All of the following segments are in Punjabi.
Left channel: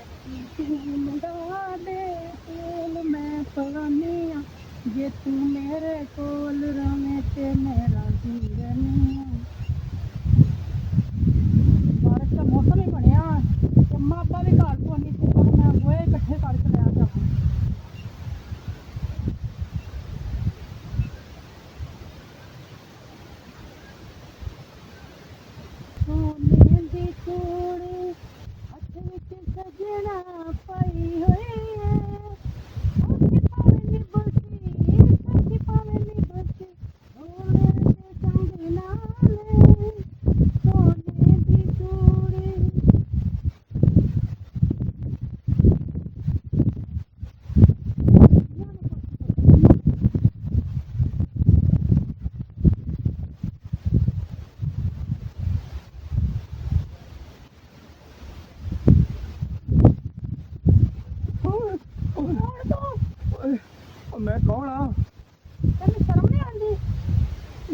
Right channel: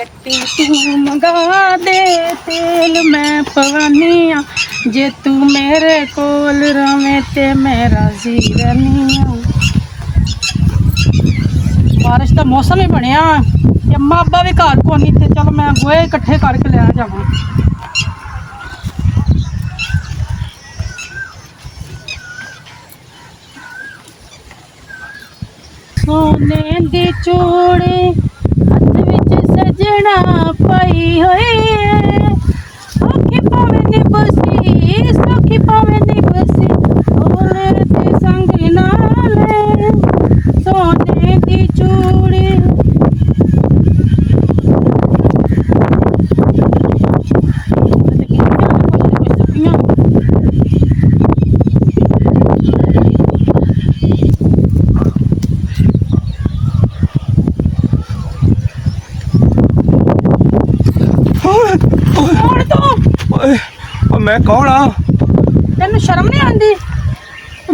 गट्टी तू मंगा दे तेल मैं पवानी आ जे तू मेरे कोल रवे ते मैं राजी रहनी आ। बारिश का मौसम ही बनया अम्मा अब्बा भी घर को नहीं थे। चलो मैं गोए इकट्ठे करके ले जावा। सोने दी चूड़ी हथ विच सजना पाई होई सौखी पावे निबसी सौखी पावे निबसी ओले ते संग नाले सोने दी चूड़ी। मैं कौन हाँ? तेन शर्म नहीं आती?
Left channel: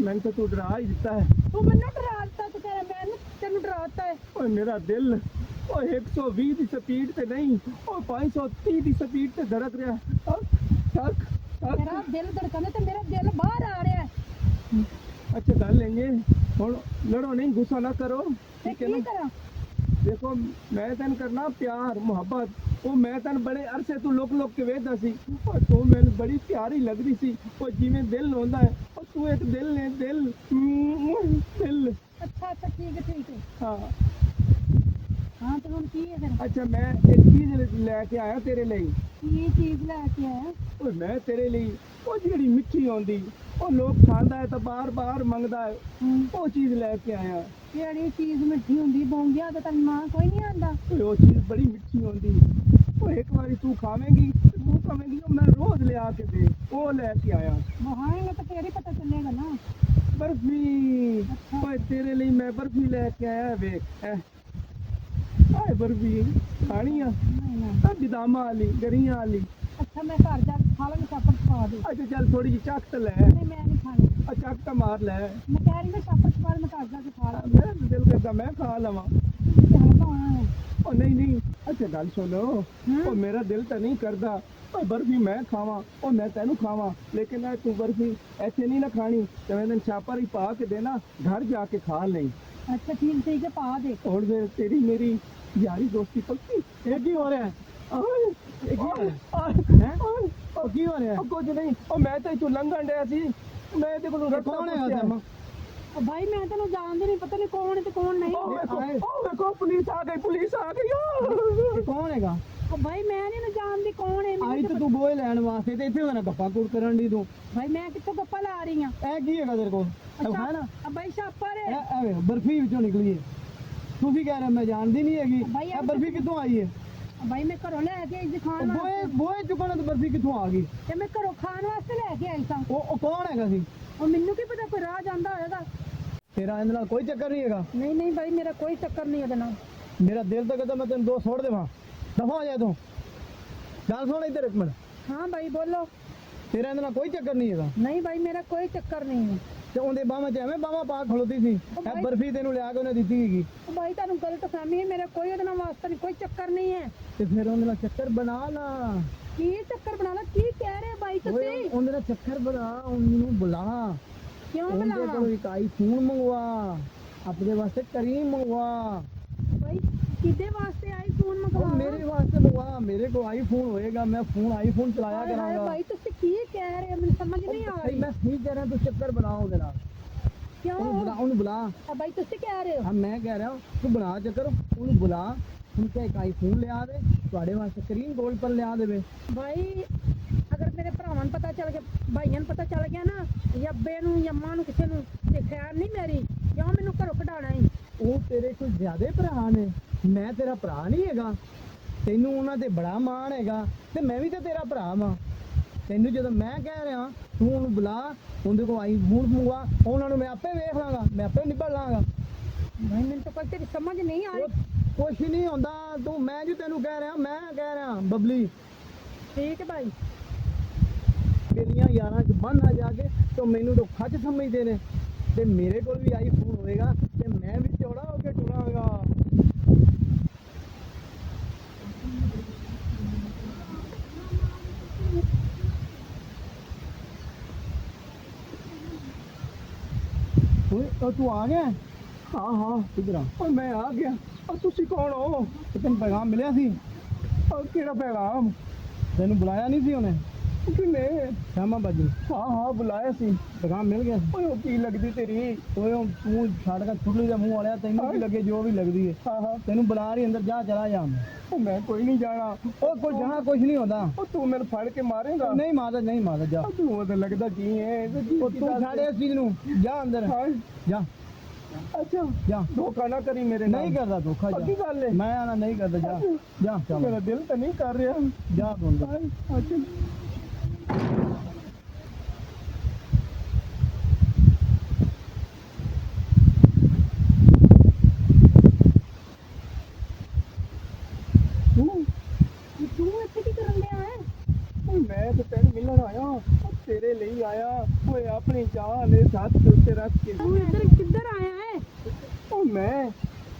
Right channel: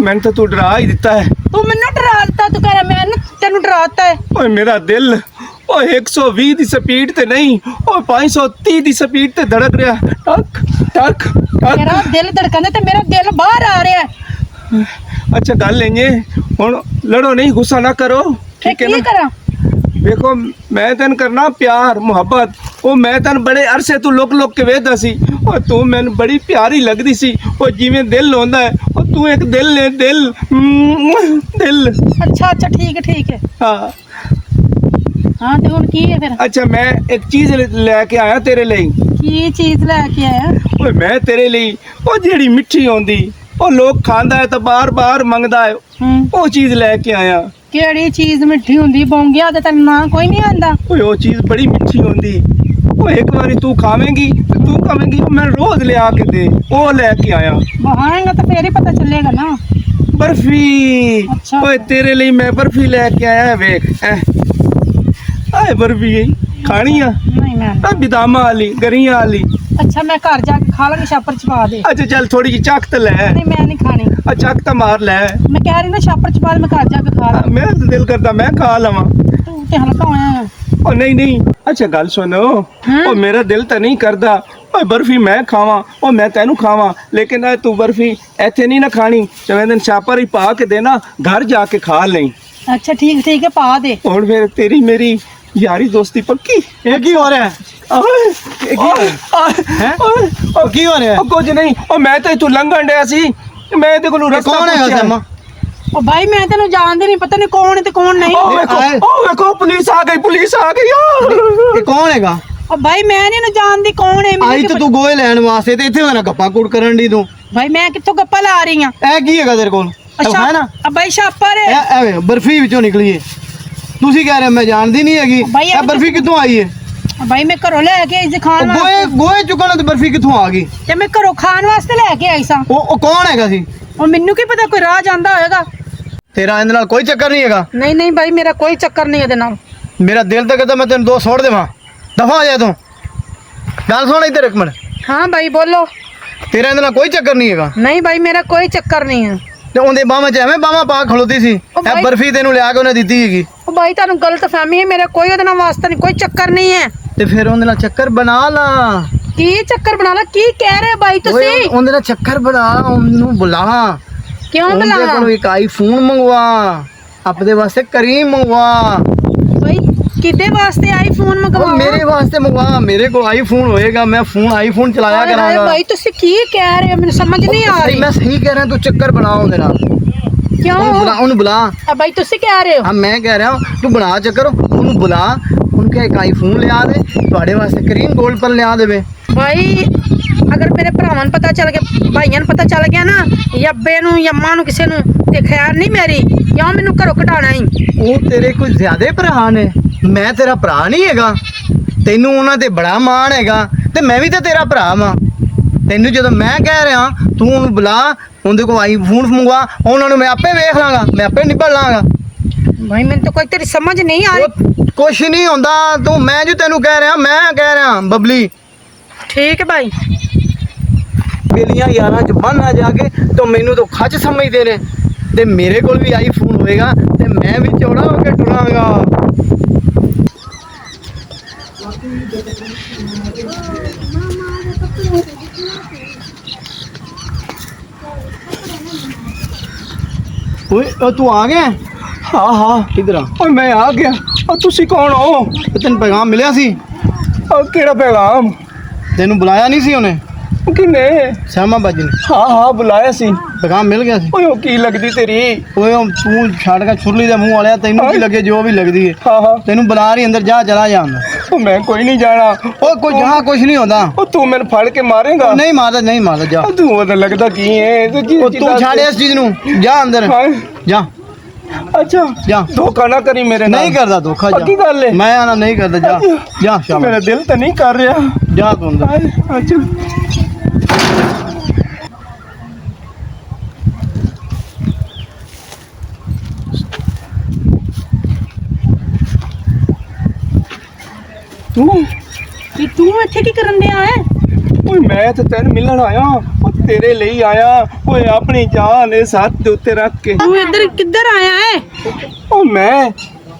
मैंने तो तू डरा ही दिता है। तू मैनू डरा दिता, तू कह रहा मैं तेन डराता है। ओए मेरा दिल 120 की स्पीड ते नहीं 530 की स्पीड ते धड़क रहा। टक टक टक। मेरा दिल धड़कन ते मेरा दिल बाहर आ रहा है। अच्छा गल इंजे हुण लड़ो नहीं, गुस्सा ना करो, ठीक है ना? करा देखो मैं तेन करना प्यार मुहब्बत। मैं तेन बड़े अरसे तू लुक लुक के वेखदा सी और तू मैनू बड़ी प्यारी लगदी सी। जिवें दिल होंदा है तू एक दिल ने दिल दिल। अच्छा अच्छा ठीक है हाँ हाँ तो हुण की है फिर? अच्छा मैं एक चीज लैके आया तेरे लिए। की चीज लैके आया? ओए मैं तेरे लिए जेड़ी मिठी होंदी लोग खांदा है तो बार बार मंगदा है वो चीज लैके आया। केड़ी चीज मिठी हुंदी? बौंगिया ते तेन ना कोई नहीं आंदा। वो चीज बड़ी मिठी होंदी एक बारी तू खावेंगी तो तू कहेंगी मैं रोज ले आके दे। वो लेके आया। बहाएगा तो फिर ही पता चलेगा ना। बर्फी। अच्छा ओए तेरे लिए मैं बर्फी लेके आया। वेख आए बर्फी खानी आ? नहीं मैं बिदामा वाली गरियां वाली। अच्छा मैं घर जाके खा लांगी, छापर छपा दे। अच्छा चल थोड़ी जी चख तो लै। नहीं मैं नहीं खानी। चख तो मार लै। मैं कह रही ना छापर छपा दे, मैं घर जाके खा ला। मेरा तो दिल करता मैं खा लवा। तू ते हल्का होया है। नहीं नहीं अच्छा गल सुनो मेरा दिल तो नहीं करता बर्फी मैं खावा मैं तेनू खावा, लेकिन तू बर्फी इत्थे नहीं ना खानी। चवें दिन छापर ही पा के देना, घर जाके खा लें। अच्छा ठीक है पा दे। और फिर तेरी मेरी यारी दोस्ती पक्की। ये की हो रहा है? की हो रहा है? कुछ नहीं मैं तो तू लंघन डया सी, मैं ते कोलों रास्ता कौन है? ओ भाई मैं तेन जानती नहीं, पता नहीं कौन है ते कौन नहीं। देखो पुलिस आ गई ये कौन हैगा? ओ भाई मैं नहीं जानती कौन है। आई तो तू गोए लैन वास्ते ते इत्थे मेरा गप्पा कुड़ करन दी तू। भाई मैं कित्थों गप्पा ला रही हां? ए की हैगा तेरे कोल? है ना अब भाई छापर है। ए बर्फी विचों निकली है। तुसी कह रहे मैं जानदी नहीं हैगी। ए बर्फी कित्थों आई है? भाई मैं घरों लेके आई खान वास्ते। गोए चुकन ते बर्फी कित्थों आ गई? ते मैं घरों खान वास्ते लेके आई सा। ओ कौन हैगा सी? और मेनू की पता, कोई राह जांदा होएगा। तेरा इहदे नाल कोई चक्कर नहीं हैगा? नहीं भाई मेरा कोई चक्कर नहीं है नाल। मेरा दिल तो कहता मैं तेन दो छोड़ देवां। दफा हो जा तू। गल सुन इधर एक मिनट। हाँ भाई बोलो। तेरा इहदे नाल कोई चक्कर नहीं हैगा? नहीं भाई मेरा कोई चक्कर नहीं है। ते उंदे बाहां च एवें बाहां पा खलोती सी। ए बर्फी तेनू लिया के उन्हें दित्ती हैगी। ओ भाई तानू गलत फहमी है, मेरा कोई ओदे नाल वास्ता नहीं, कोई चक्कर नहीं है। ते फिर उंदे नाल चक्कर बना ला। की चक्कर बना ला? की कह रहे भाई तुसी? उंदे नाल चक्कर बना, उन्नू बुला। क्यों उनके बुला? कोलों एक आईफोन मंगवा, अपने वास्ते करीम मंगवा। भाई किदे वास्ते आईफोन मंगवा? मेरे वास्ते मंगवा, मेरे को आईफोन होएगा, मैं आईफोन चलाया करांगा। भाई तुसी की कह रहे हो, मेरे समझ नहीं आ रही। मैं सही कह रहा हूं, तू चक्कर बना उनके नाल। क्यों? उन्हें बुला। अब भाई तुसी कह रहे हो? हाँ मैं कह रहा हूं तू बना चक्कर, उन्हें बुला, उनके एक आईफोन लिया दे, तुम्हारे वास्ते करीम गोल्ड पर लिया देवे। भाई अगर मेरे भरावां नूं पता चल गया, भाइयां नूं पता चल गया ना, या अब्बे नूं या अम्मा नूं किसे नूं, ते खैर नहीं मेरी। क्यों मैनू घरों कढाना ही? वो तेरे कोई ज्यादा भरा ने, मैं तेरा भरा नहीं हैगा। तेनू उन्हां ते बड़ा मान हैगा ते मैं भी तो तेरा भरा वां। तेनू जो मैं कह रहा तू उन्हें बुला, उनके को आईफोन मंगवा, उन्होंने मैं आपे वेख लांगा, मैं आपे निभल लांगा। भाई मैंने तो कोई तेरी समझ नहीं आ रही। कुछ नहीं होंदा तू, मैं जो तेनू कह रहा, मैं कह रहा बबली। ठीक है भाई। बेलियां यारां च बन आ जाके तो मैनू तो खच समझते ने, ते मेरे कोल भी आईफोन होएगा ते मैं भी चौड़ा होके टुरांगा। ਓਏ ਉਹ ਤੂੰ ਆ ਗਿਆ? ਹਾਂ ਹਾਂ ਕਿੱਧਰ ਆ? ਓਏ ਮੈਂ ਆ ਗਿਆ। ਓ ਤੁਸੀਂ ਕੌਣ ਹੋ? ਤੈਨੂੰ ਪੈਗਾਮ ਮਿਲਿਆ ਸੀ? ਓ ਕਿਹੜਾ ਪੈਗਾਮ? ਤੈਨੂੰ ਬੁਲਾਇਆ ਨਹੀਂ ਸੀ ਉਹਨੇ? ਕਿਨੇ? ਸ਼ਾਮਾ ਬਾਜੀ ਨੇ ਹਾਂ ਹਾਂ ਬੁਲਾਇਆ ਸੀ। ਪੈਗਾਮ ਮਿਲ ਗਿਆ ਸੀ? ਓਏ ਉਹ ਕੀ ਲੱਗਦੀ ਤੇਰੀ? ਓਏ ਉਹ ਤੂੰ ਛੱਡ ਕੇ ਛੁਰਲੀ ਦੇ ਮੂੰਹ ਵਾਲਿਆ, ਤੈਨੂੰ ਕੀ ਲੱਗੇ ਜੋ ਵੀ ਲੱਗਦੀ ਹੈ। ਹਾਂ ਹਾਂ ਤੈਨੂੰ ਬੁਲਾ ਰਹੀ ਅੰਦਰ, ਜਾ ਚਲਾ ਜਾ ਅੰਦਰ। ਓ ਮੈਂ ਕੋਈ ਨਹੀਂ ਜਾਣਾ। ਓ ਕੋਈ ਜਹਾਂ ਕੁਝ ਨਹੀਂ ਹੁੰਦਾ। ਓ ਤੂੰ ਮੈਨੂੰ ਫੜ ਕੇ ਮਾਰੇਗਾ? ਨਹੀਂ ਮਾਰਦਾ, ਨਹੀਂ ਮਾਰਦਾ, ਜਾ। ਓ ਤੂੰ ਉਹਦਾ ਲੱਗਦਾ ਕੀ ਹੈ? ਉਹ ਤੂੰ ਛੱਡ ਇਸ ਚੀਜ਼ ਨੂੰ, ਜਾ ਅੰਦਰ ਜਾ। ਅੱਛਾ ਜਾ। ਧੋਖਾ ਨਾ ਕਰੀ ਮੇਰੇ ਨਾਲ। ਨਹੀਂ ਕਰਦਾ ਧੋਖਾ, ਜਾ। ਪੱਕੀ ਗੱਲ ਹੈ? ਮੈਂ ਆਣਾ ਨਹੀਂ ਕਰਦਾ, ਜਾ ਜਾ। ਸ਼ਾਬਾਸ਼, ਮੇਰਾ ਦਿਲ ਤਾਂ ਨਹੀਂ ਕਰ ਰਿਹਾ। ਜਾ ਤੂੰ ਅੰਦਰ। ਅੱਛਾ ਤੂੰ ਤੇ ਤੂੰ ਇੱਥੇ ਕੀ ਕਰਨ ਡਿਆ ਹੈ? ਓਏ ਮੈਂ ਤਾਂ ਤੈਨੂੰ ਮਿਲਣ ਆਇਆ। ਉਹ ਤੇਰੇ ਲਈ ਆਇਆ। ਓਏ ਆਪਣੀ ਜਾਨ ਇਸ ਹੱਥ ਦੇ ਉੱਤੇ ਰੱਖ ਕੇ। ਤੂੰ ਇੱਧਰ ਕਿੱਧਰ ਆਇਆ ਹੈ?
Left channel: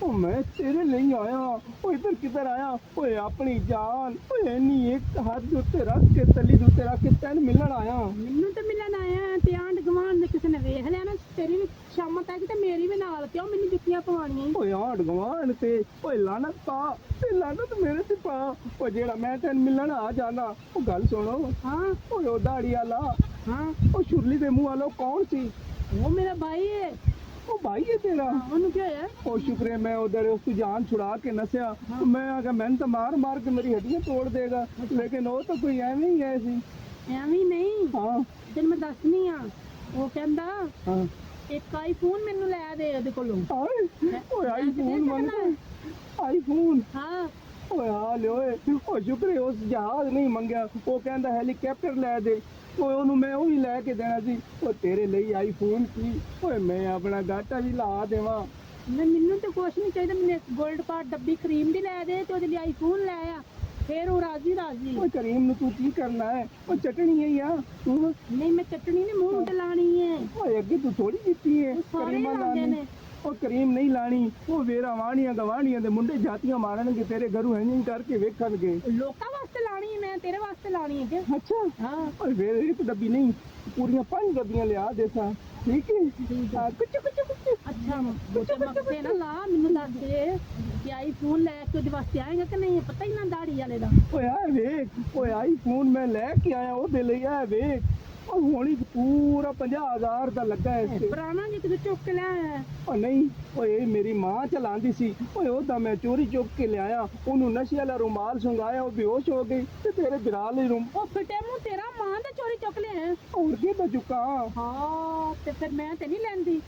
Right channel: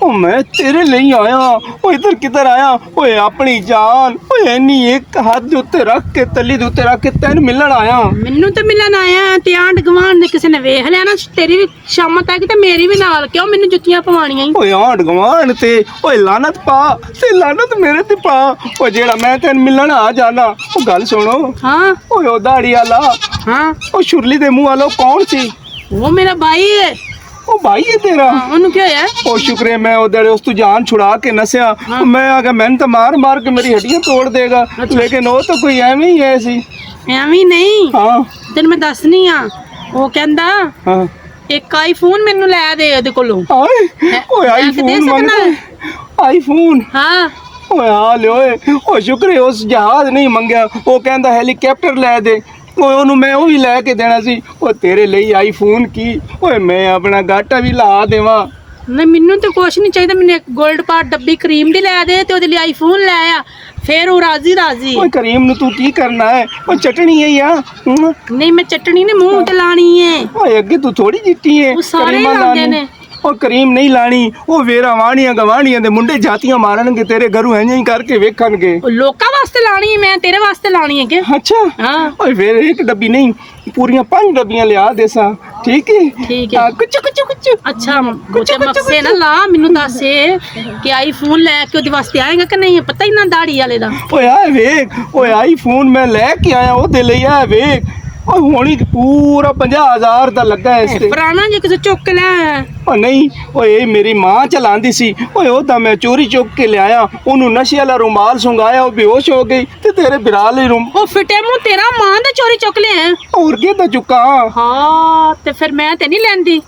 ਉਹ ਮੈਂ ਤੇਰੇ ਲਈ ਆਇਆ। ਓ ਇੱਧਰ ਕਿੱਧਰ ਆਇਆ? ਓਏ ਆਪਣੀ ਜਾਨ। ਓਏ ਇੰਨੀ ਇੱਕ ਹੱਥ ਦੇ ਉੱਤੇ ਰੱਖ ਕੇ, ਤਲੀ ਦੇ ਉੱਤੇ ਰੱਖ ਕੇ ਤੈਨੂੰ ਮਿਲਣ ਆਇਆ। ਮੈਨੂੰ ਤਾਂ ਮਿਲਣ ਆਇਆ ਤੇ ਆਂਢ ਗੁਆਂਢ ਨੇ ਕਿਸੇ ਨੇ ਵੇਖ ਲਿਆ ਨਾ ਤੇਰੀ ਵੀ ਸ਼ਾਮ ਤੱਕ ਤੇ ਮੇਰੀ ਵੀ ਨਾਲ, ਕਿਉਂ ਮੈਨੂੰ ਜੁੱਤੀਆਂ ਪਵਾਉਣੀਆਂ ਈ? ਓਏ ਆਂਢ ਗੁਆਂਢ ਤੇ ਓਏ ਲਾਨਤ ਪਾ ਤੇ ਲਾਨਤ ਮੇਰੇ ਤੇ ਪਾ। ਓ ਜਿਹੜਾ ਮੈਂ ਤੈਨੂੰ ਮਿਲਣ ਆ ਜਾਣਾ। ਉਹ ਗੱਲ ਸੁਣੋ। ਹਾਂ ਓਏ ਉਹ ਦਾੜੀ ਵਾਲਾ, ਹਾਂ ਉਹ ਸ਼ੁਰਲੀ ਦੇ ਮੂੰਹ ਵਾਲਾ ਕੌਣ ਸੀ? ਉਹ ਮੇਰਾ ਬਾਈ ਹੈ। ਉਹ ਭਾਈ ਹੈ ਤੇਰਾ? ਹਾਂ, ਉਹਨੂੰ ਕੀ ਹੋਇਆ? ਉਹ ਸ਼ੁਕਰੇ ਮੈਂ ਉਹਦੇ ਉਸ ਤੋਂ ਜਾਨ ਛੁੜਾ ਕੇ ਨਸਿਆ। ਮੈਂ ਆ ਗਿਆ, ਮੈਨੂੰ ਤਾਂ ਮਾਰ ਮਾਰ ਕੇ ਮੇਰੀ ਹੱਡੀਆਂ ਤੋੜ ਦੇਗਾ। ਲੇਕਿਨ ਉਹ ਤਾਂ ਕੋਈ ਐਵੇਂ ਹੀ ਹੈ ਸੀ। ਐਵੇਂ ਨਹੀਂ, ਹਾਂ ਤੈਨੂੰ ਮੈਂ ਦੱਸਣੀ ਆ। ਉਹ ਕਹਿੰਦਾ ਹਾਂ। ਇੱਕ ਆਈਫੋਨ ਮੈਨੂੰ ਲੈ ਦੇ ਉਹਦੇ ਕੋਲੋਂ। ਓਏ ਓਏ ਲੈ ਕੇ ਦੇ ਆਈਫੋਨ ਮੰਗਦਾ? ਸਕਦਾ? ਆਈਫੋਨ? ਹਾਂ ਓਏ ਆ ਲਿਓ ਓਏ ਸ਼ੁਕਰੇ ਉਸ ਜਹਾਜ਼ ਨਹੀਂ ਮੰਗਿਆ। ਉਹ ਕਹਿੰਦਾ ਹੈਲੀਕਾਪਟਰ ਲੈ ਦੇ। ਓਏ ਉਹਨੂੰ ਮੈਂ ਉਹ ਵੀ ਲੈ ਕੇ ਦੇਣਾ ਸੀ। ਉਹ ਤੇਰੇ ਲਈ ਆਈਫੋਨ ਕੀ, ਓਏ ਮੈਂ ਆਪਣਾ ਗਾਟਾ ਵੀ ਲਾ ਦੇਵਾਂ। ਨਹੀਂ ਮੈਨੂੰ ਤਾਂ ਕੁਛ ਨਹੀਂ ਚਾਹੀਦਾ। ਮੈਨੂੰ ਇੱਕ 골ਡ ਪਾਟ ਡੱਬੀ ਕਰੀਮ ਦੀ ਲੈ ਦੇ ਤੇ ਉਹਦੇ ਲਈ ਆਈਫੋਨ ਲੈ ਆ, ਫੇਰ ਉਹ ਰਾਜ਼ੀ ਰਾਜ਼ੀ। ਓਏ ਕਰੀਮ ਨੂੰ ਤੂੰ ਕੀ ਕਰਨਾ ਹੈ? ਉਹ ਚਟਣੀ ਹੈ ਯਾ? ਨਹੀਂ ਮੈਂ ਚਟਣੀ ਨੇ ਮੂੰਹ ਤੇ ਲਾਣੀ ਹੈ। ਓਏ ਅੱਗੇ ਤੂੰ ਥੋੜੀ ਜਿੱਤੀ ਹੈ। ਉਹ ਸਾਰੇ ਕਰੀਮਾਂ ਲਾਉਂਦੇ ਲਾਉਣੀ। ਨੇ। ਉਹ ਕਰੀਮ ਨਹੀਂ ਲਾਣੀ। ਉਹ ਵੇਰਾ ਵਾਣੀਆਂ ਗਵਾਣੀਆਂ ਦੇ ਮੁੰਡੇ ਜਾਤੀਆਂ ਮਾਰਨਗੇ ਤੇਰੇ ਘਰੋਂ, ਐਂ ਹੀ ਕਰਕੇ ਵੇਖਣਗੇ। ਉਹ ਲੋਕਾਂ ਵਾਸਤੇ ਲਾਣੀ ਹੈ, ਮੈਂ ਤੇਰੇ ਵਾਸਤੇ ਲਾਣੀ ਹੈ ਕਿ? ਅੱਛਾ ਹਾਂ ਓਏ ਫੇਰ ਇੱਕ ਡੱਬੀ ਨਹੀਂ, ਪੂਰੀਆਂ 5 ਡੱਬੀਆਂ ਲਿਆ ਦੇਸਾਂ। ਠੀਕ ਹੈ? ਠੀਕ ਹੈ। ਹਾਂ, ਕੁਛ ਕੁਛ ਕੁਛ। ਅੱਛਾ ਗੋਤੇ ਮਕਸੇ ਨਾ ਲਾ, ਮੈਨੂੰ ਦੱਸ ਕਿ ਆਈਫੋਨ ਲੈ ਕੇ ਉਹਦੇ ਵਾਸਤੇ ਆਏਗਾ ਕਿ ਨਹੀਂ? ਪਤਾ ਹੀ ਨਾ ਦਾੜੀ ਵਾਲੇ ਦਾ। ਓਏ ਆ ਵੇਖ, ਓਏ ਆਈਫੋਨ ਮੈਂ ਲੈ ਕੇ ਆਇਆ ਉਹਦੇ ਲਈ। ਆ ਵੇਖ, ਓਏ ਹੁਣ ਹੀ ਪੂਰਾ 50,000 ਦਾ ਲੱਗਾ ਇਸ ਤੇ। ਪੁਰਾਣਾ ਜੇ ਕਿਸੇ ਚੁੱਕ ਕੇ ਲੈ ਆਇਆ। ਓ ਨਹੀਂ, ਓਏ ਇਹ ਮੇਰੀ ਮਾਂ ਚਲਾਉਂਦੀ ਸੀ। ਓਏ ਉਹ ਤਾਂ ਮੈਂ ਚੋਰੀ ਚੁੱਕ ਕੇ ਲਿਆਇਆ। ਉਹਨੂੰ ਨਸ਼ੇ ਵਾਲਾ ਰੁਮਾਲ ਸੁੰਘਾਇਆ, ਉਹ ਬੇਹੋਸ਼ ਹੋ ਗਈ। ਤੇ ਤੇਰੇ ਬਿਰਾਲੇ ਰੂਮ ਉਹ ਫਿੱਟੇ ਮੂੰਹ ਤੇਰਾ ਮਾਂ ਦਾ ਚੋਰੀ ਚੁੱਕ ਲਿਆ। ਹੋਰ ਕੀ ਤਾਂ ਚੁੱਕਾ। ਹਾਂ ਤੇ ਫਿਰ ਮੈਂ ਤੇ ਨਹੀਂ ਲੈਂਦੀ,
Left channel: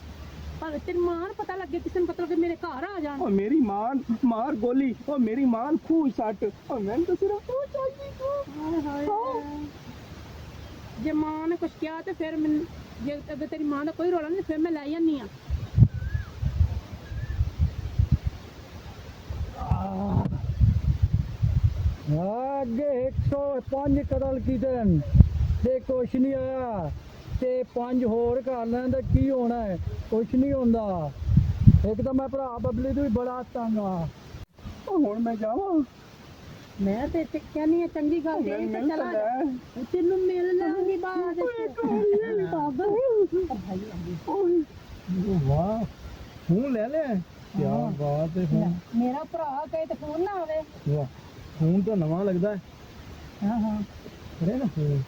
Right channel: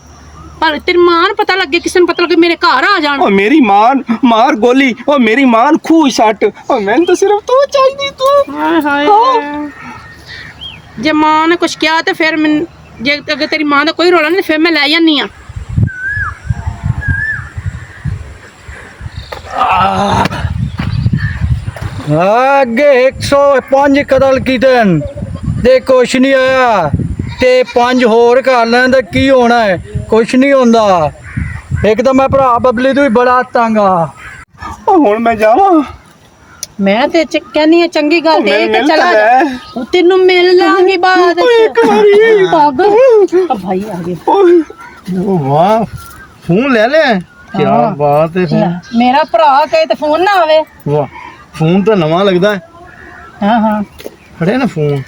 ਪਰ ਤੇਰੀ ਮਾਂ ਨੂੰ ਪਤਾ ਲੱਗੇ, ਕਿਸੇ ਨੂੰ ਪਤਾ ਲੱਗੇ ਮੇਰੇ ਘਰ ਆ ਜਾਣ। ਓ ਮੇਰੀ ਮਾਂ ਮਾਰ ਗੋਲੀ। ਓ ਮੇਰੀ ਮਾਂ ਖੂਹ ਸੱਟ। ਓ ਮੈਨੂੰ ਤਾਂ ਸਿਰਫ ਤੂੰ ਚਾਹੀਦੀ। ਤੂੰ ਹਾਏ ਹਾਏ, ਜੇ ਮਾਂ ਨੇ ਕੁਛ ਕਿਹਾ ਤੇ ਫਿਰ ਮੈਂ, ਜੇ ਅਗਰ ਤੇਰੀ ਮਾਂ ਦਾ ਕੋਈ ਰੋਲਾ ਨਹੀਂ ਫਿਰ ਮੈਂ ਲੈ ਜਾਂਦੀ ਆ। ਅੱਗੇ 105 ਕਤਲ ਕੀਤੇ ਤੇ ਕੁਛ ਨਹੀਂ ਆਇਆ, ਤੇ 5 ਹੋਰ ਕਰ ਲੈਣ ਤਾਂ ਕੀ ਹੋਣਾ ਹੈ? ਕੁਛ ਨਹੀਂ ਹੁੰਦਾ। ਇੱਕ ਤਾਂ ਮੈਂ ਭਰਾ ਬਬਲੀ ਤੋਂ ਵੀ ਬੜਾ ਤੰਗ ਆ। ਓ ਹੁਣ ਮੈਂ ਜਾਵਾਂ? ਮੈਂ ਤੇ ਕਹਿੰਦੀ ਆ ਚੰਗੀ ਗੱਲ ਦੇ ਕੇ ਮਿਲ ਚਲਾ ਤਾਂ ਜਾ। ਲੈ। ਉਹ ਤੈਨੂੰ ਮਿਲ ਲਾਂਗੀ ਬਾਅਦ ਓਏ ਇੱਕ ਵਾਰੀ। ਪਾਗਲ ਆ ਭਾਈ ਆ ਗਿਆ। ਓਏ ਵਾਹ, ਫੋਨ ਲੈ ਲੈ। ਕੀ ਹਾਂ। ਬਾਤ ਹੈ। ਫੋਨ, ਮੇਰਾ ਭਰਾ ਕਹੇ ਤੇ ਫੋਨ ਨਾ ਆਵੇ। ਵਾਹ, ਫੋਨ ਤਾਂ ਨਵਾਂ ਲੱਗਦਾ ਹੈ। ਹਾਂ ਹਾਂ ਫੜਿਆ ਨਾ ਫੋਨ।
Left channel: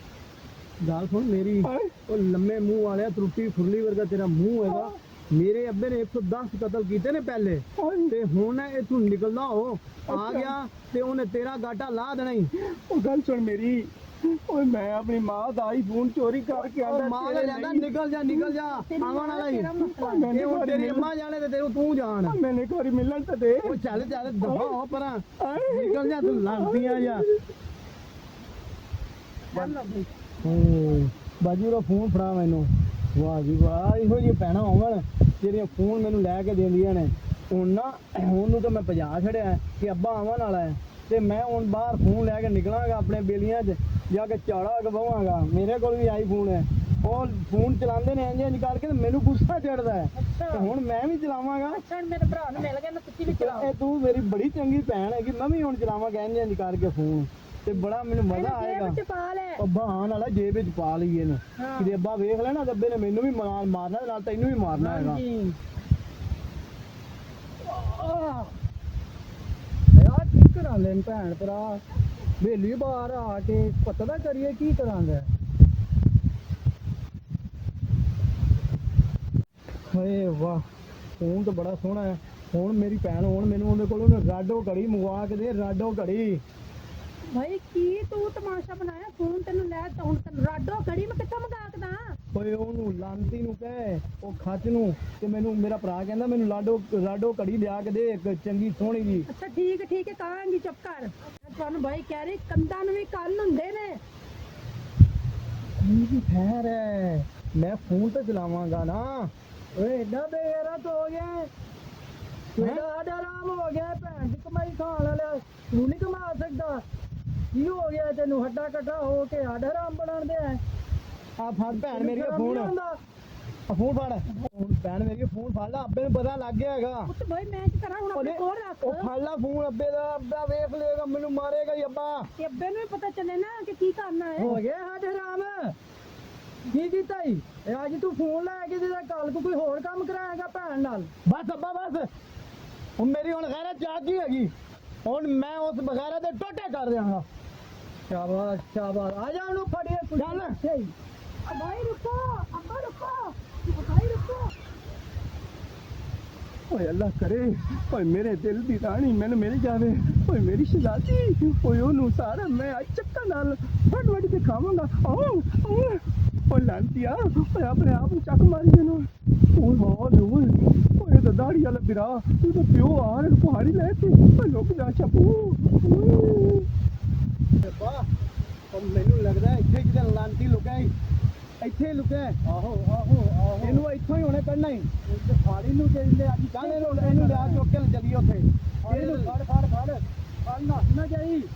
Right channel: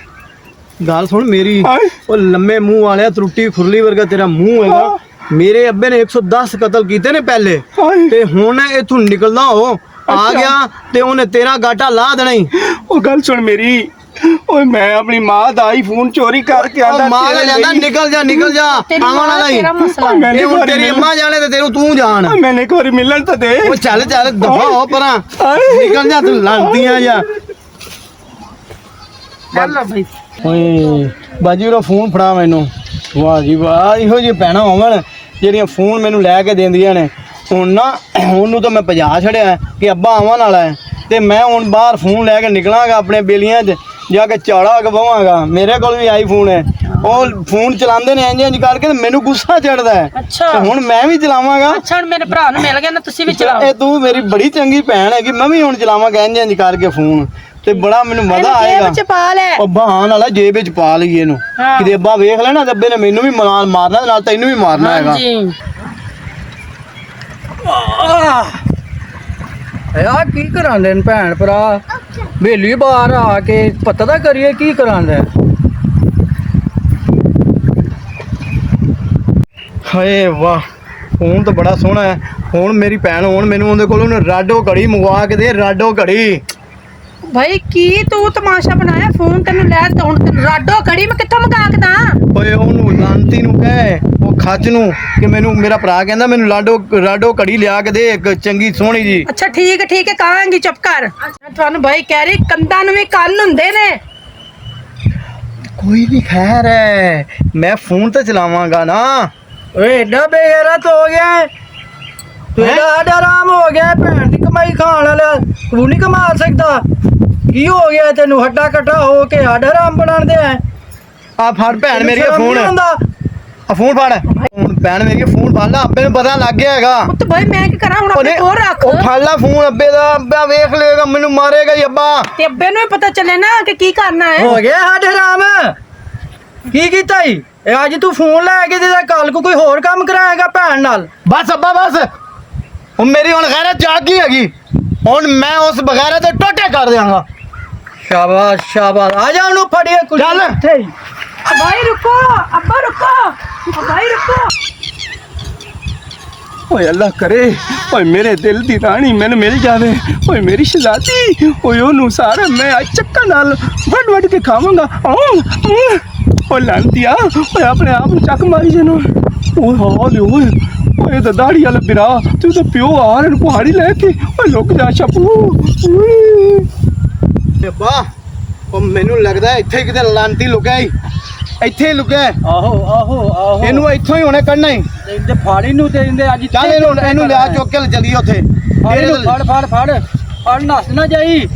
ਗੱਲ ਸੁਣ ਮੇਰੀ, ਹਾਏ। ਉਹ ਲੰਮੇ ਮੂੰਹ ਵਾਲਿਆ, ਤਰੁੱਟੀ ਖੁਰਲੀ ਵਰਗਾ ਤੇਰਾ ਮੂੰਹ ਹੈਗਾ। ਮੇਰੇ ਅੱਬੇ ਨੇ 110 ਕਤਲ ਕੀਤੇ ਨੇ ਪਹਿਲੇ, ਹਾਏ। ਤੇ ਹੁਣ ਇਥੋਂ ਨਿਕਲਦਾ ਹੋ ਆ ਅੱਛਾ। ਗਿਆ ਤੇ ਉਹਨੇ ਤੇਰਾ ਗਾਟਾ ਲਾ ਦੇਣਾ ਹੀ। ਉਹ ਗੱਲ ਸੁਣ ਮੇਰੀ। ਓਏ ਮੈਂ ਆਪਣੀ ਮਾਂ ਦਾ ਆਈਫੋਨ ਚੋਰੀ ਕਰਕੇ ਆਂਦਾ ਉਹ ਮਾਂ ਦਾ ਜਾਂਦਾ, ਨਿਕਲ ਜਾ ਨਿਕਲ ਜਾ। ਤੇਰੀ ਆਵਣ ਮਾਂ ਵਾਲਾ ਹੀ। ਤੇਰਾ ਮਸਲਾ। ਮੈਂ ਇਹ ਹੁਣ ਤੇਰੀ ਅੰਮਾ ਜਾਣੇ ਤੇ ਤੈਨੂੰ ਤੂੰ ਜਾਣ। ਮੈਨੇ ਇੱਕ ਵਾਰੀ ਮਿਲਣ ਤਾਂ ਦੇ। ਉਹ ਚੱਲ ਚੱਲ ਦਫਾ ਹੋ ਪਰਾਂ, ਹਾਏ। ਨਿਕਲ ਜਾ ਤੂੰ ਲੜਦੀਆਂ ਜਾ। ਚੱਲ ਭਾਈ। ਓਏ ਬਾਜੀ ਉਹਦਾ ਫੋਨ ਫੜਾ ਮੈਨੂੰ। ਵਾਹ ਜੀ ਵਾਹ, ਇਹੋ ਜਿਹੀ ਭੈਣਾਂ ਹੋਵਣ ਜਿਹੜੀਆਂ ਫੋਨ ਮੈਨੂੰ ਲੈ ਕੇ ਦਿੰਦੀਆਂ ਨੇ। ਹੁਣ ਨਾ ਉਹਨੂੰ ਤਾਂ ਮੈਂ ਭਜਾ ਛੜਿਆ ਕਿ ਅੱਬਾ ਆਉਣ ਵਾਲਾ ਹੈ, ਤੇ ਮੈਂ ਹੁਣ ਬਾਹਰ ਫੋਨ ਲੈ ਕੇ ਨਿਕਲਾਂਗਾ ਆਪਣੇ ਬੇਲੀਆਂ 'ਚ ਜਾ ਕੇ ਝਾੜਾ ਗਵਾਵਾਂਗਾ। ਮੇਰੇ ਕੋਲ ਵੀ ਆਈਫੋਨ ਹੈ, ਉਹ ਫੋਨ ਚਲਾਉਂਦੇ ਨੇ ਇੰਜ ਇੰਜ ਕਰਕੇ ਤੇ ਮੈਨੂੰ ਗੁੱਸਾ ਚੜਦਾ ਹੈ ਅੱਛਾ ਤੇ ਹੁਣ ਮੈਂ ਵੀ ਚਲਾਵਾਂਗਾ। ਅੱਛਾ ਹੁਣ ਮੇਰੇ ਭਰਾ ਨੂੰ ਮਿਲ ਗਿਆ ਨਾ, ਤੁਸੀਂ ਵੀ ਚਲਾਓ। ਇਹ ਤੂੰ ਮੇਰੀ ਬੜੀ ਚੰਗੀ ਭੈਣ ਹੈਗੀ, ਮੈਂ ਵੀ ਹੁਣ ਚਲਾਵਾਂਗਾ ਇੰਜ ਇੰਜ ਕਰਕੇ ਫੋਨ ਤੇ ਬੜਾ ਮੈਨੂੰ ਮਜ਼ਾ ਇਹਨੂੰ ਆਏਗਾ। ਜੇਬ ਚ ਪਾ ਲੈ। ਉਹ ਬਹਾਨ ਵਾਲਾ ਜੇਬ ਵਿੱਚ ਪਾ ਲਈਏ ਇਹਨੂੰ, ਹਾਂ। ਕਿਤੇ ਅੱਬਾ ਵੇਖ ਲੈਣਾ ਤੇ ਅੱਬੇ ਨੇ ਮੈਨੂੰ ਵੀ ਮਾਰਨਾ ਨਾਲ ਤੈਨੂੰ ਵੀ ਮਾਰਨਾ ਹੈਗਾ। ਹਾਂਜੀ ਯਾ ਕੀ ਕਰਾਂਦੇ ਨੇ ਭੈਣ ਭਰਾ ਵੇਲੀ ਬਾਹਰ ਆ ਕੇ ਪਤਾ ਤਾਂ ਕਰੀਏ ਕੀ ਕਰਾਂਦੇ। ਹਾਏ ਵਾਹ, ਫੋਨ ਤਾਂ ਬੜਾ ਸੋਹਣਾ ਹੈ। ਹੁਣ ਮੇਰੀ ਭੈਣ ਹੁਣ ਮੈਨੂੰ ਉਹਦੇ ਕੋਲੋਂ ਰਾਡੋ ਘੜੀ ਮੰਗਵਾ ਕੇ ਦੇ, ਰਾਡੋ ਘੜੀ। ਭਾਈ ਕੀ ਤੂੰ ਤਮਾਸ਼ਾ ਬਣਾਇਆ? ਫੋਨ ਤੈਨੂੰ ਲੈ ਤੇ ਹੁਣ ਤੈਨੂੰ ਰਾਡੋ ਘੜੀ ਮੈਂ ਕਿੱਥੋਂ ਮੰਗਾ ਕੇ ਦਾਂ? ਓਏ ਉਹਨੂੰ ਲਾਂਤੀ ਨੂੰ ਕਹੇ, ਉਹ ਖੱਜ ਨੂੰ ਕਿ ਮੈਨੂੰ ਮੇਰਾ ਭਰਾ ਕਹਿੰਦਾ ਮੈਨੂੰ ਰਾਡੋ ਘੜੀ ਲਿਆ ਕੇ ਦੇ ਇੱਕ ਚੰਗੀ ਸੋਹਣੀ ਜੀ। ਅੱਛਾ ਠੀਕ ਹੈ ਕਹਾਂਗੀ, ਚੁੱਪ ਕਰ। ਮੈਂ ਤੁਹਾਨੂੰ ਭਾਈ ਕਹਿ ਰਹੀ ਕੰਦਾਂ ਨੂੰ ਵੀ ਕੰਨ ਹੁੰਦੇ ਨੇ। ਕੋਈ ਵੀ ਖੈਰ ਹੈ, ਮੈਂ ਫੋਨ ਤੇ ਚਲਾਵਾਂਗਾ ਨਾ। ਓਏ ਏਡਾ ਬੇਗੈਰਤ ਹੋ ਗਿਆ ਤੂੰ, ਇਹਦਾ ਸਾਡਾ ਆਰਾਮ ਹੋ ਗਿਆ। ਭੈਣ ਦੀ ਕਮਾਈ ਖਾਣ ਵਾਲਾ ਤੂੰ ਨਹੀਂ ਕਮਾ ਸਕਦਾ। ਕੀ ਹੋ ਗਿਆ ਤੈਨੂੰ? ਹੱਡਾ ਕੱਟਾ ਹੋ ਕੇ ਸਾਡਾ ਆਰਾਮ ਬਣਾਉਂਦੇ ਆ। ਆ ਫੜ ਭੈਣ ਮੇਰੀ ਫੋਨ, ਆ ਫੋਨ ਫੜ। ਹੁਣ ਭੈਣ ਮੇਰੀ ਫੋਨ ਫੜ ਲਾ, ਅੱਬੇ ਨੂੰ ਪਤਾ ਲੱਗ ਗਿਆ ਹੈਗਾ। ਪੁੱਤ ਭਾਈ ਮੈਂ ਕੀ ਕਰਾਂ ਹੁਣ? ਆਪਣੇ ਕੋਲ ਰੱਖ। ਉਹ ਫੜ ਲਾ ਫੋਨ ਅੱਬੇ ਦਾ, ਅੱਬਾ ਵੇਖ ਲੇਗਾ, ਮੈਨੂੰ ਮਾਰੇਗਾ ਹੀ ਅੱਬਾ। ਤੇ ਅੱਬੇ ਨੂੰ ਵੀ ਪਤਾ ਚੱਲੇ ਨਾ ਕਿ ਕੀ ਕਰਨਾ ਹੈ। ਹੋ ਗਿਆ ਸਾਡੇ ਆਰਾਮ। ਕੀ ਕੀਤਾ ਈ? ਇਹ ਅੱਜ ਤੂੰ ਫੋਨ ਲੈ ਕੇ ਤੇ ਕੱਲ ਕੋਈ ਹੋਰ ਕੰਮ ਕਰਾਏਗਾ ਭੈਣ ਨਾਲ। ਬਸ ਅੱਬਾ ਬਸ, ਹੁਣ ਮੇਰੀ ਹੁਣ ਗੈਰਤ ਜਾਗ ਗਈ ਹੈਗੀ। ਹੁਣ ਮੈਂ ਉਸ ਬਗੈਰਤ ਦੇ ਟੋਟੇ ਕਰ ਦਿਆਂਗਾ। ਸ਼ਾਬਾਸ਼ ਸ਼ਾਬਾਸ਼, ਆ ਜਾ ਉਹਨੂੰ ਫੜੀਏ ਕੁਝ। ਚੱਲ। ਭਾਈ ਰੁਕੋ, ਅੱਬਾ ਰੁਕੋ, ਭਾਈ ਰੁਕੋ। ਓਏ ਅੱਲਾ ਕਰੇ ਓਏ ਮੇਰੇ ਦਿਲ ਦੀ ਰਾਣੀ ਮੈਨੂੰ ਮਿਲ ਜਾਵੇ। ਓਏ ਮੇਰੀ ਸ਼ਹਜ਼ਾਦੀ, ਓਏ ਉਹਨੂੰ ਸਾਰਾ ਮੈਂ ਅੱਜ ਚੱਕਾ ਨਾਲ ਵੱਢ ਕੇ ਖਾਵਾਂਗਾ। ਓਏ ਲਾਂਤੀਆ, ਓਏ ਆਪਣੇ ਆਪ ਨੂੰ ਚੱਕ ਮਾਰੀ ਜਨੋ। ਓਏ ਹਾਂ ਓਏ ਤਾਂ ਦਾੜੀ ਵਾਲਾ ਬਿਰਾ, ਤੂੰ ਤਾਂ ਪਿਓ ਆ ਰਿਹਾ ਪਹਾੜੀ ਲੈ ਕੇ। ਓਏ ਲੁਕ ਜਾ ਛਪੂ। ਅੱਬਾ ਉਹ ਮੈਨੂੰ ਲੱਗਦਾ ਇੱਥੇ ਕਿਤੇ ਲਾਂਤੀ ਲੁਕਿਆ ਹੀ, ਇੱਥੇ ਹੀ ਲੁਕਿਆ। ਆਹੋ ਆਹੋ ਆਹੋ, ਇਹਨੂੰ ਇੱਥੋਂ ਹੀ ਹੁਣੇ ਕੱਢਣਾ ਹੀ। ਇਹਦੇ ਫਾੜੀ ਨੂੰ ਤੇ ਇਹਦੇ ਅੱਜ ਚੱਲ ਇਹਨੂੰ ਲਿਆ ਚੁੱਕ ਕੇ ਚੱਲੀਏ ਉੱਥੇ। ਫੜ ਨੱਸ ਨਾ ਜਾਈ।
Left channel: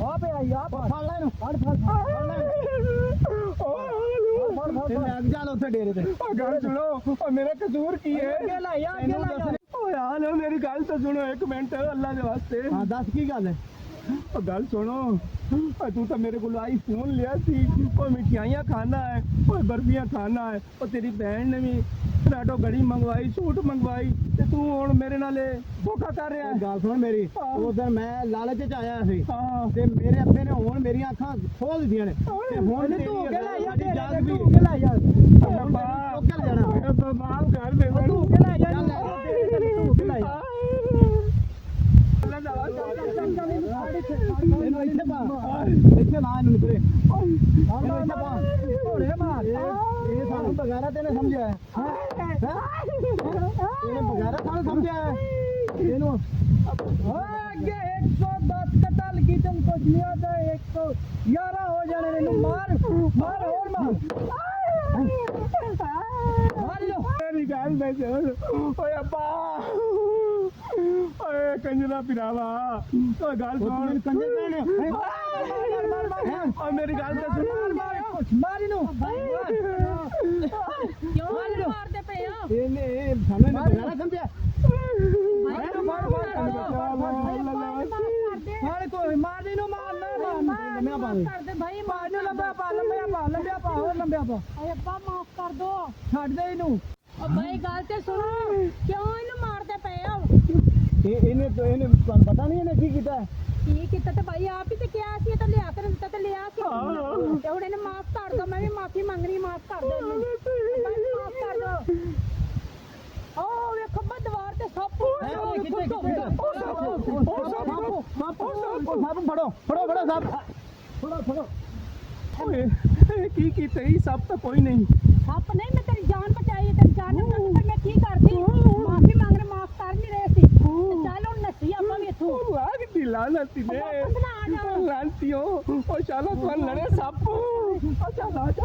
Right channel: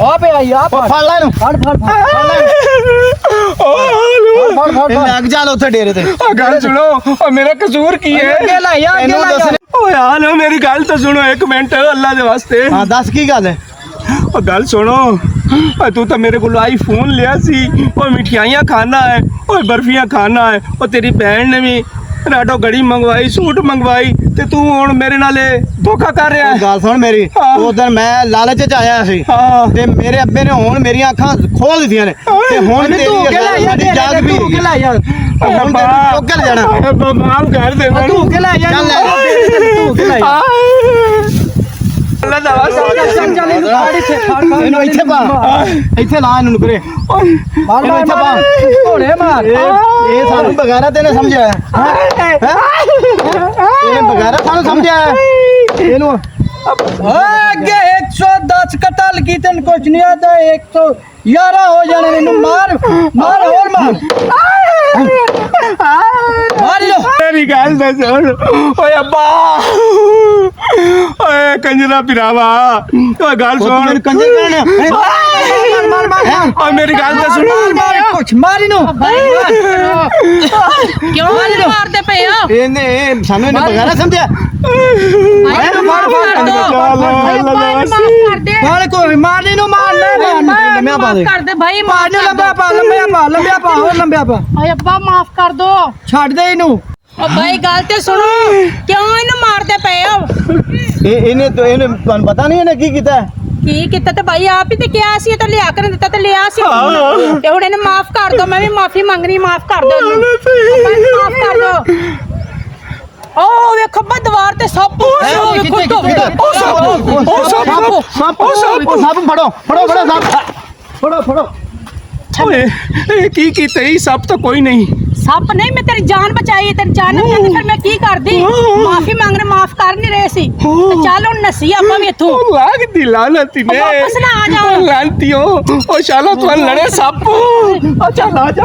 ਆ ਪਿਆ ਆ ਫੜ ਲੈ ਇਹਨੂੰ, ਫੜ ਇਹ ਲੱਗ ਚੱਲ ਉੱਥੇ ਡੇਰੇ ਤੇ। ਗੱਲ ਸੁਣੋ, ਓ ਮੇਰਾ ਕਸੂਰ ਕੀ ਹੈ? ਅੱਗੇ ਲੈ ਆ, ਅੱਗੇ ਇਹਨੂੰ ਲੈ ਦੱਸ। ਓਏ ਆ ਲੋ ਮੇਰੀ ਗੱਲ ਤਾਂ ਸੁਣੋ ਇੱਕ ਮਿੰਟ ਅੱਲਾ ਦੇ ਵਾਸਤੇ। ਹਾਂ ਦੱਸ ਕੀ ਗੱਲ ਹੈ? ਉਹ ਗੱਲ ਸੁਣੋ, ਓਏ ਤੂੰ ਤਾਂ ਮੇਰੇ ਕੋਲ ਆਈਫੋਨ ਲਿਆ ਸੀ। ਓਏ ਮਿਠਾਈਆਂ ਖਾਣਾ ਹੈ, ਓਏ ਬਰਫੀਆਂ ਖਾਣਾ ਹੈ। ਉਹ ਤੇਰੀ ਭੈਣ ਨੇ ਵੀ ਰਾਡੋ ਘੜੀ ਮੰਗਵਾਈ, ਸੂਟ ਮੰਗਵਾਈ, ਤੇ ਤੂੰ ਹੁਣ ਮੇਰੇ ਨਾਲ ਧੋਖਾ ਕਰ ਰਿਹਾ ਹੈ। ਗੱਲ ਸੁਣ ਮੇਰੀ, ਹਾਂ। ਉਸ ਦਿਨ ਮੈਂ ਲਾਲਚ ਚ ਆਇਆ ਸੀ ਹਾਂ ਤੇ ਮੇਰੇ ਅੱਬੇ ਨੇ ਹੁਣ ਮੇਰੀਆਂ ਅੱਖਾਂ ਖੋਲ ਦਿੱਤੀਆਂ ਨੇ ਤੇ ਹੁਣ ਤੂੰ ਕੇ ਲੈ ਜਾ, ਸਾਡੀ ਜਾਗ ਵੀ ਤੂੰ ਕੇ ਲੈ ਜਾ, ਹੁਣ ਤੈਨੂੰ ਚੁੱਕ ਕੇ ਜਾਣਾ। ਅੱਬਾ ਮਾਫ ਕਰ ਦੇ ਮੈਨੂੰ। ਤੂੰ ਕੇ ਲੈ ਜਾ, ਚੱਲ ਲੈ। ਤੂੰ ਕੇ ਲੈ ਜਾ। ਅੱਲਾ ਦਾ ਵਾਸਤਾ ਚੱਲ ਇਹਨੂੰ ਫੜ ਇੱਥੇ, ਫੜ ਇਹਨੂੰ ਇੱਥੇ ਪਾ, ਇੱਥੇ ਲਾ ਇਹਨੂੰ ਕਰੇ। ਮਾਰ ਇਹਨੂੰ ਇੱਥੇ ਪਾ। ਘੋੜੇ ਮਾਰ। ਇਹ ਸਾਨੂੰ ਬਗੈਰਾ ਤੈਨੇ ਸਮਝਿਆ ਹੈ? ਇਹ ਬਗੈਰਾ ਸਾਨੂੰ ਸਮਝਿਆ ਹੈ? ਇਹਨੂੰ ਅੱਗੇ 110 ਕਤਲ ਕੀ ਤੈਨੂੰ ਕੁਝ ਨਹੀਂ ਆਦਾ। 111 ਹੋ ਜਾਣੇ ਮੈਨੂੰ। ਮਾਰ ਮਾਰ ਹੋਰ ਮਾਰ ਮਾਰ ਲੋ। ਮੇਰੀ ਗੱਲ ਤਾਂ ਸੁਣ। ਓਏ ਅੱਬਾ, ਓਏ ਕੰਜਰਾ ਪਿਰਾਵਾ, ਓਏ ਗੱਲ ਮੈਨੂੰ ਸੁਣ। ਕੰਜਰ ਕਹਿਣਾ। ਮਾਰ ਮਾਰ ਓਏ ਮੇਰੀ ਗੱਲ ਤਾਂ ਸੁਣ। ਮਾਰ ਕੁਛ ਮਾਰ ਇਹਨੂੰ। ਕਿਉਂ ਇਹਨੂੰ ਮਾਰਦੇ ਪਏ ਹੋ? ਇਹਨੇ ਸਾਨੂੰ ਇਹਨੇ ਬਗੈਰਾ ਸਮਝਿਆ। ਭਾਈ ਨੂੰ ਮਾਫ ਕਰ ਦੋ। ਭਾਈ ਨੂੰ ਮਾਫ ਕਰ ਦੇ। ਮਾਰ ਕੋਈ ਮਾਰ ਇਹਨੂੰ। ਮਾਰ ਲੈ ਲੰਮਿਆ ਪਾ ਦੇ। ਮਾਫ ਕਰ ਦੇ ਭਾਈ, ਮਾਰ ਨੂੰ। ਲੰਬਿਆ ਪਾ ਲੰਬਿਆ ਪਾ ਹੋਰ ਲੰਬਿਆ ਪਾ। ਓਏ ਅੱਬਾ ਮਾਫ ਕਰ ਦੋ। ਛੱਡ ਦੇ ਇਹਨੂੰ। ਓ ਭਾਈ ਗੱਲ ਤੇ ਸੁਣੋ, ਕਿਉਂ ਇਹਨੂੰ ਮਾਰਦੇ ਪਏ ਹੋ? ਇਹਨੇ ਤੁਹਾਨੂੰ ਪਤਾ ਨਹੀਂ ਇਹਨੇ ਕੀ ਕੀਤਾ? ਕੀ ਕੀਤਾ? ਤੇ ਭਾਈ ਆਪ ਹੀ ਤੇ ਕਿਹਾ ਸੀ, ਇਹ ਤਾਂ ਲਿਆ ਕੇ ਦਿੱਤਾ ਤੇ ਲਿਆ ਸੀ। ਤੇ ਹੁਣ ਇਹਨੂੰ ਮਾਫ ਕਰ ਦੋ। ਮੈਂ ਵੀ ਮਾਫੀ ਮੰਗਣੀ, ਮਾਫ ਕਰ ਦੋ ਇਹਨੂੰ। ਮਾਫ ਕਰ ਦੋ। ਓ ਵੇਖੋ ਬਾ ਦੀਵਾਰ ਤੇ ਸੱਪ। ਸੱਪ ਫੜੋ। ਓਏ ਇਹ ਕੀ ਕੀਤਾ? ਇਹ ਸਭ ਤਾਂ ਕੋਈ ਨਹੀਂ। ਸੱਪ ਨਹੀਂ, ਮੈਂ ਤੇਰੀ ਜਾਨ ਬਚਾਈ। ਤੇਰੀ ਜਾਨ ਨਹੀਂ ਬਚਾਈ ਫਿਰ ਮੈਂ ਕੀ ਕਰਦੀ? ਮਾਫੀ ਮੰਗਣੇ, ਮਾਫ ਕਰ ਨਹੀਂ ਰਹੇ ਸੀ। ਤੇ ਚੱਲ ਹੁਣ ਨਸੀ ਆਪਾਂ ਵੀ ਇੱਥੋਂ। ਲਾਗ ਦੀ ਲਾਨਤੀ ਨੇ। ਵਾਪਸ ਨਾ ਆ ਜਾਓ। ਲਾਨਤੀਓ, ਓ ਸ਼ਾਲਾ ਤੂੰ ਲੜੇ ਸੱਪ। ਆ ਚੱਲ ਆ ਜਾ।